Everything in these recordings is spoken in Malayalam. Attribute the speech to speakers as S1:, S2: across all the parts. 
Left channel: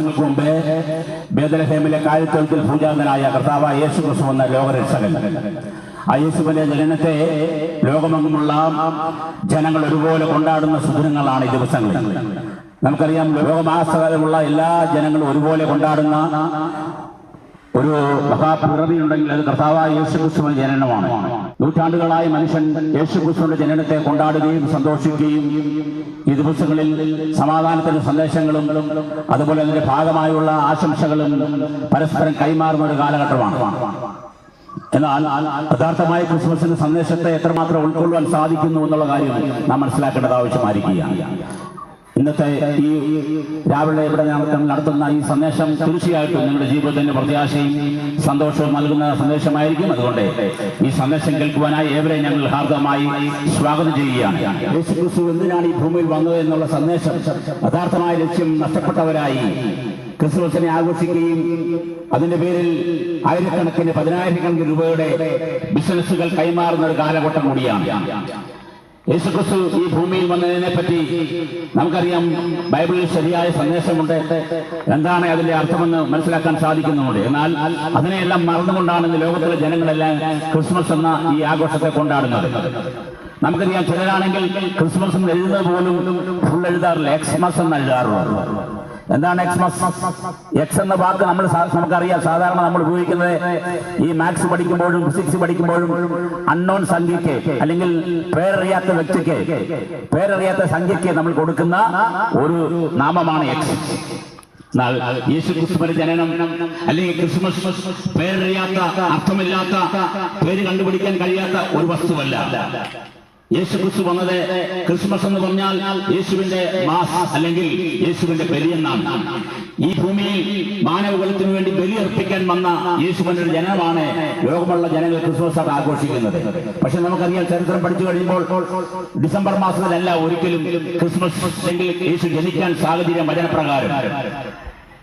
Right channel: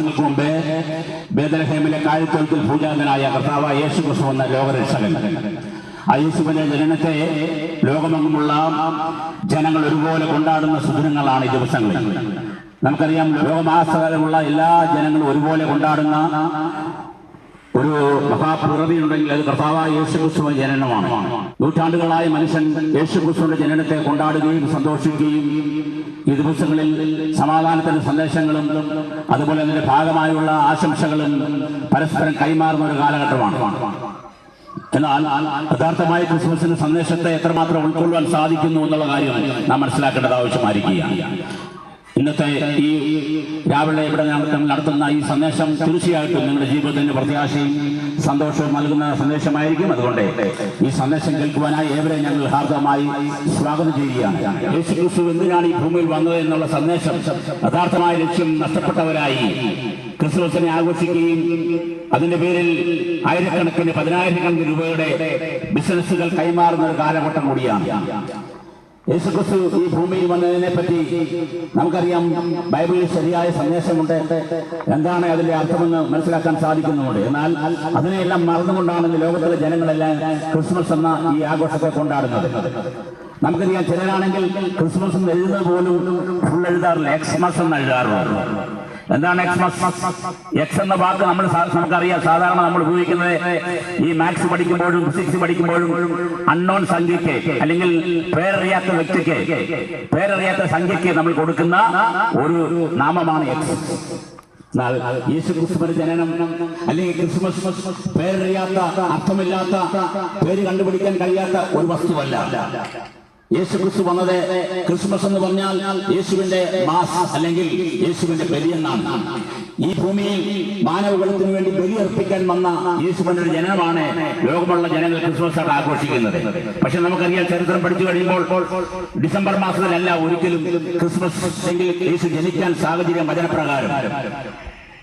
S1: മുമ്പേ ബേദലഹേമിലെ കാലിത്തൊഴുത്തിൽ പൂജാന്തനായ കർത്താവ് യേശു ക്രിസ്തു എന്ന ലോകരക്ഷകൻ. ആ യേശുവിന്റെ ജനനത്തെ ലോകമെങ്ങുമുള്ള ജനങ്ങൾ ഒരുപോലെ കൊണ്ടാടുന്ന സുദിനങ്ങളാണ് ഈ ദിവസങ്ങളിൽ. നമുക്കറിയാം ലോകമാസകാലമുള്ള എല്ലാ ജനങ്ങളും ഒരുപോലെ കൊണ്ടാടുന്ന ഒരു മഹാപ്രകൃതിയുണ്ടെങ്കിൽ അത് കർത്താവായ യേശുക്രിസ്തുവിന്റെ ജനനമാണ്. നൂറ്റാണ്ടുകളായി മനുഷ്യൻ യേശുക്രിസ്തുവിന്റെ ജനനത്തെ കൊണ്ടാടുകയും സന്തോഷിക്കുകയും ഈ ദിവസങ്ങളിൽ സമാധാനത്തിന്റെ സന്ദേശങ്ങളും അതുപോലെ അതിന്റെ ഭാഗമായുള്ള ആശംസകളും പരസ്പരം കൈമാറുന്ന ഒരു കാലഘട്ടമാണ്. എന്നാൽ യഥാർത്ഥമായ ക്രിസ്മസിന്റെ സന്ദേശത്തെ എത്രമാത്രം ഉൾക്കൊള്ളുവാൻ സാധിക്കുന്നു എന്നുള്ള കാര്യം നാം മനസ്സിലാക്കേണ്ടത് ആവശ്യമായിരിക്കുകയാണ്. ഇന്നത്തെ ഈ രാവിലെ ഇവിടെ നമ്മൾ നടത്തുന്ന ഈ സന്ദേശം തീർച്ചയായിട്ടും നിങ്ങളുടെ ജീവിതത്തിന് പ്രത്യാശയും സന്തോഷവും നൽകുന്ന സന്ദേശമായിരിക്കും. അതുകൊണ്ട് ഈ സന്ദേശം കേൾക്കുവാനായി ഏവരെ ഞങ്ങൾ ഹാർദമായി സ്വാഗതം ചെയ്യുകയാണ്. യേശു ക്രിസ്തു എന്തിനാണ് ഈ ഭൂമിയിൽ വന്നത് എന്നുള്ള സന്ദേശം യഥാർത്ഥമായ ലക്ഷ്യം നഷ്ടപ്പെട്ടവരായി ക്രിസ്മസിനെ ആഘോഷിക്കുകയും അതിന്റെ പേരിൽ ആയിരക്കണക്കിന് പതിനായിരക്കണക്കിന് രൂപയുടെ ബിസിനസ്സുകൾ കൈമാറുന്ന ഒരു കാലഘട്ടം കൂടിയാണ്. യേശുക്രിസ്തു ഈ ഭൂമിയിൽ വന്നതിനെ പറ്റി നമുക്കറിയാം ബൈബിളിൽ ശരിയായ സന്ദേശമുണ്ട്. എന്താണ് അതിന്റെ അർത്ഥമെന്ന് മനസ്സിലാക്കാൻ സാധിക്കുന്നുണ്ട്. എന്നാൽ അതിനെയെല്ലാം മറന്നുകൊണ്ടാണ് ഇന്ന് ലോകത്തിലെ ജനങ്ങളെല്ലാം ക്രിസ്മസ് എന്ന ഈ ആഘോഷത്തെ കൊണ്ടാടുന്നത്. നമുക്കറിയാം ചിലരാണെങ്കിൽ ക്രിസ്മസ് എഴുതുന്നത് പോലും ഫുൾ എഴുതാറില്ല. എക്സ്മസ് എന്ന് എഴുതാറുള്ളൂ എന്താണ് എക്സ്മസ് എക്സ് എന്ന വാക്ക് നമ്മൾ നമുക്കറിയാം. സാധാരണ നമ്മൾ ഉപയോഗിക്കുന്നത് ഈ മാത്സ് പഠിക്കുമ്പോഴും ഫിസിക്സ് പഠിക്കുമ്പോഴും അൺനോൺ സംഖ്യയ്ക്ക് അല്ലെങ്കിൽ പേരറിയാത്ത വ്യക്തിക്ക് പേരറിയാത്ത സംഖ്യയ്ക്ക് നമ്മൾ കൊടുക്കുന്ന ഒരു നാമമാണ് എക്സ് യേശു ക്രിസ്തുവിന്റെ ജനനം അല്ലെങ്കിൽ ക്രിസ്മസ് പേരറിയാത്ത അർത്ഥമില്ലാത്ത പേര് കണ്ടുപിടിക്കാൻ കഴിയാത്ത ഒരു വസ്തുവല്ല. യേശു ക്രിസ്തു വന്നത് ക്രിസ്മസ് എന്ന് പറഞ്ഞാൽ യേശുവിന്റെ മാസ് അല്ലെങ്കിൽ യേശുവിന്റെ ബലിയെന്നാണ്. ഈ ഭൂമിയിൽ മാനവകുലത്തിന് വേണ്ടി ബലിയർപ്പിക്കാൻ വന്ന യേശുവിന്റെ ഒരു ജനനമാണ് ലോകമുള്ള ജനങ്ങൾ ക്രിസ്മസ് ആയിട്ട് ആഘോഷിക്കുന്നത്. പക്ഷെ നമുക്കറിയാം ചരിത്രം പഠിച്ചു കഴിയുമ്പോൾ ഡിസംബർ മാസത്തിലല്ല ഒരിക്കലും ക്രിസ്മസ് എങ്കിൽ യേശു ജനിക്കാൻ സാഹചര്യം വചനപ്രകാരം.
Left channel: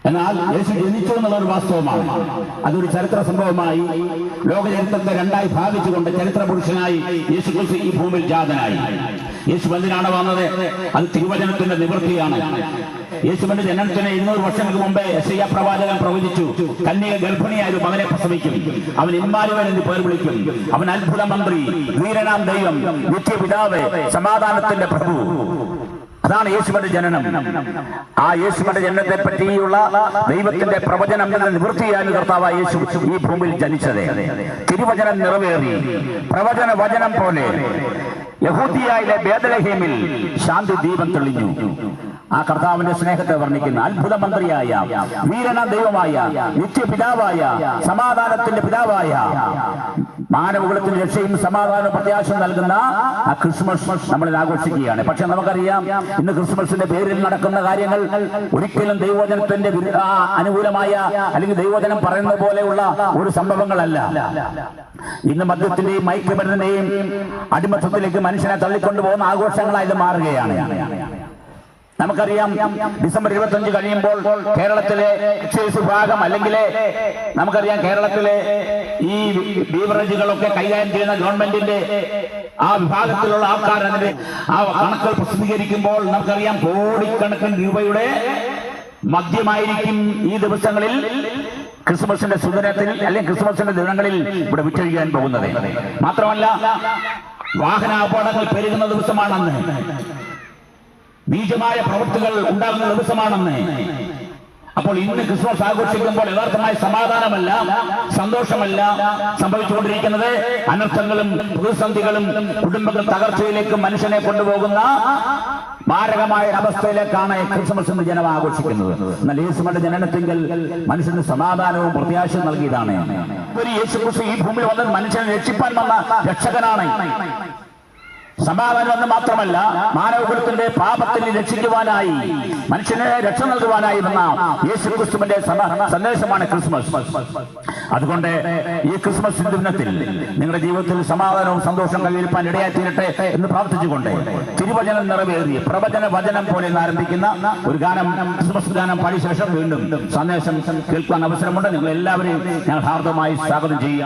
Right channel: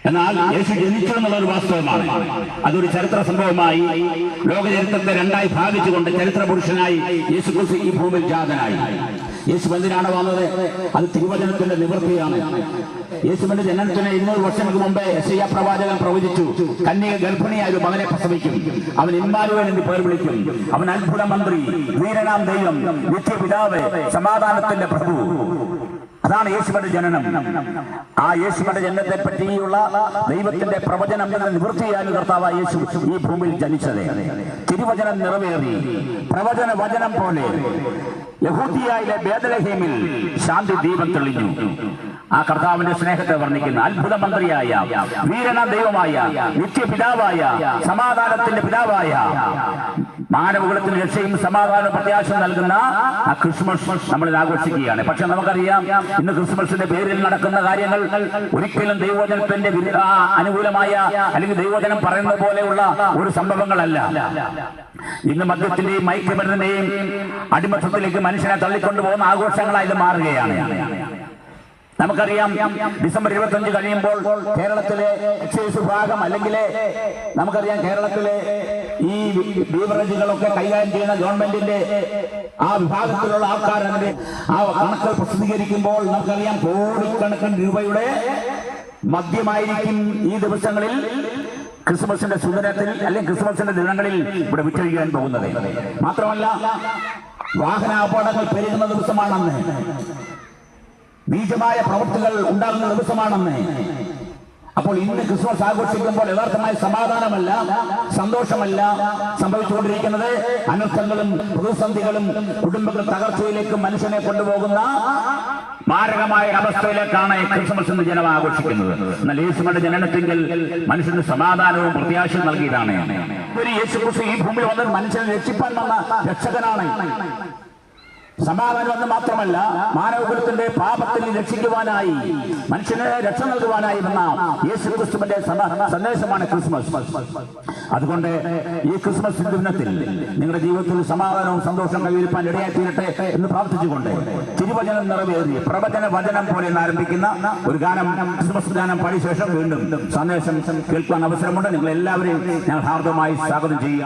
S1: എന്നാൽ യേശു ജനിച്ചു എന്നുള്ള ഒരു വാസ്തവമാണ്. അതൊരു ചരിത്ര സംഭവമായി ലോക ചരിത്രത്തെ രണ്ടായി ഭാഗിച്ചുകൊണ്ട് ചരിത്ര പുരുഷനായി യേശു ക്രിസ്തു ഈ ഭൂമിയിൽ ജാതനായി. യേശു എന്തിനാണ് വന്നത്. അത് തിരുവചനത്തിന്റെ നിവൃത്തിയാണ്. യേശുവിന്റെ ജനനത്തിന് ഇരുന്നൂറ് വർഷങ്ങൾക്ക് മുമ്പേ ശ്രീയ പ്രവാചകൻ പ്രവചിച്ചു കന്യക ഗർഭിണിയായ ഒരു മകനെ പ്രസവിക്കും. അവൻ ഇന്മാരുവൻ എന്ന് പേർ വിളിക്കും. അവൻ അത്ഭുത മന്ത്രി വീരനാം ദൈവം നിത്യപിതാവ് സമാധാനത്തിന്റെ പ്രഭു. അതാണ് യേശുവിന്റെ ജനനം. ആ യേശുവിന്റെ ജനനത്തെ പറ്റിയുള്ള ദൈവത്തിന്റെ പ്രവചനം എന്ന നിവൃത്തിയായി കർത്താവ് യേശു ഈ ഭൂമിയിൽ ജനിച്ചത്. തിരുവചനം നിറവേറി. പ്രവചന വചനം പോലെ യഹൂദിയായിലെ ബേദലഹേമിൽ ശാന്തി ദീപം തെളിഞ്ഞു. ആ കർത്താവിന്റെ സ്നേഹത്തെ വർണിക്കുന്ന അത്ഭുത മന്ത്രിയായ വീരണ ദൈവമായ നിത്യപിതാവായ സമാധാനത്തിന്റെ പിതാവായ മാനവകുലത്തിന് രക്ഷയും സമാധാനവും പ്രത്യാശം നൽകുന്ന ആ ക്രിസ്മസ് നമ്മൾ ആഘോഷിക്കുകയാണ്. പക്ഷെ നമുക്കറിയാം ഇന്ന് ക്രിസ്മസിന്റെ പേരിൽ നടക്കുന്ന കാര്യങ്ങൾ ഒരിക്കലും ദൈവോചനത്തിന്റെ അനുകൂലമായ അല്ലെങ്കിൽ ദൈവോചനം പറയുന്ന പോലെയുള്ള ഒരു സംഭവങ്ങളല്ല. ഇന്ന് മദ്യത്തിന്റെയും മയക്കുമരുന്നിന്റെയും അടിമത്തത്തിലേക്ക് മനുഷ്യനെ തള്ളിക്കൊണ്ടുപോകുന്ന ആഘോഷങ്ങളായി മാറുകയാണ്. നമുക്കറിയാം ഡിസംബർ ഇരുപത്തഞ്ച് കഴിയുമ്പോൾ കേരളത്തിലെ എക്സൈസ് വിഭാഗം അല്ലെങ്കിൽ നമുക്കറിയാം കേരളത്തിലെ ഈ ബീവറേജുകളൊക്കെ കൈകാര്യം ചെയ്യുന്ന ഗവൺമെന്റിന്റെ ആ വിഭാഗത്തിലുള്ള ആൾക്കാർ ആ കണക്കുകൾ പ്രസിദ്ധീകരിക്കുമ്പോൾ നമുക്കറിയാം കോടിക്കണക്കിന് രൂപയുടെ മദ്യമായിരിക്കും ഈ ദിവസങ്ങളിൽ ക്രിസ്മസിന്റെ സുദിനത്തിൽ അല്ലെങ്കിൽ ക്രിസ്മസിന്റെ ദിനങ്ങളിൽ ഇവിടെ വിറ്റഴിക്കാൻ പോകുന്നത്. മാത്രമല്ല വാഹന അപകടങ്ങൾ പെരുകുന്ന ദിവസമാണെന്ന്. നീചമായ പ്രവൃത്തികൾ ഉണ്ടാകുന്ന ദിവസമാണെന്ന്. അപ്പോൾ ഇന്ന് ക്രിസ്മസ് ആഘോഷിക്കുമ്പോൾ യഥാർത്ഥമായ സമാധാനമല്ല സന്തോഷമല്ല സംഭവിച്ചുകൊണ്ടിരിക്കുന്നത്. അനർത്ഥങ്ങളും പ്രതിസന്ധികളും കുടുംബങ്ങൾ തകർച്ചയിലേക്ക് മനുഷ്യനെ കൊണ്ടുപോകുന്ന മാരകമായ അവസ്ഥയിലേക്കാണ് ക്രിസ്മസ് എന്ന് ജനം ആഘോഷിക്കുന്നത്. എന്നാൽ യേശുവിന്റെ ജനനത്തിങ്കിൽ മനുഷ്യന് സമാധാനവും പ്രത്യാശയും നൽകിയതാണ്. ഒരു യേശു ഈ ഭൂമിയിൽ വന്നൊരു മനുഷ്യനെ രക്ഷിപ്പാൻ വന്ന രക്ഷകനാണ്. സമാധാനം എന്ന് മാത്രമല്ല മാനവകുലത്തിന്റെ പാപത്തിന് രക്ഷിക്കുവാനായി മനുഷ്യനെ രക്ഷ നൽകുവാനായി വന്ന യേശു ക്രിസ്തുവിന്റെ സന്ദേശമാണ് ക്രിസ്മസ്. അതുകൊണ്ട് ഈ ക്രിസ്മസ് ദിനത്തിൽ നിങ്ങളുടെ ജീവിതത്തിൽ സമാധാനവും സന്തോഷവും കൈവരിപ്പാൻ ഇടയായി തീരട്ടെ എന്ന് പ്രാർത്ഥിച്ചുകൊണ്ട് തിരുവചനം നിറവേറി പ്രവചന വചനം പോലെ ആരംഭിക്കുന്ന ഒരു ഗാനം ക്രിസ്മസ് ഗാനം പാടിയ ശേഷം വീണ്ടും സന്ദേശം കേൾക്കാൻ അവസരമുണ്ട്. നിങ്ങൾ എല്ലാവരെയും ഞാൻ ഹാർദമായി സ്വാഗതം ചെയ്യുക.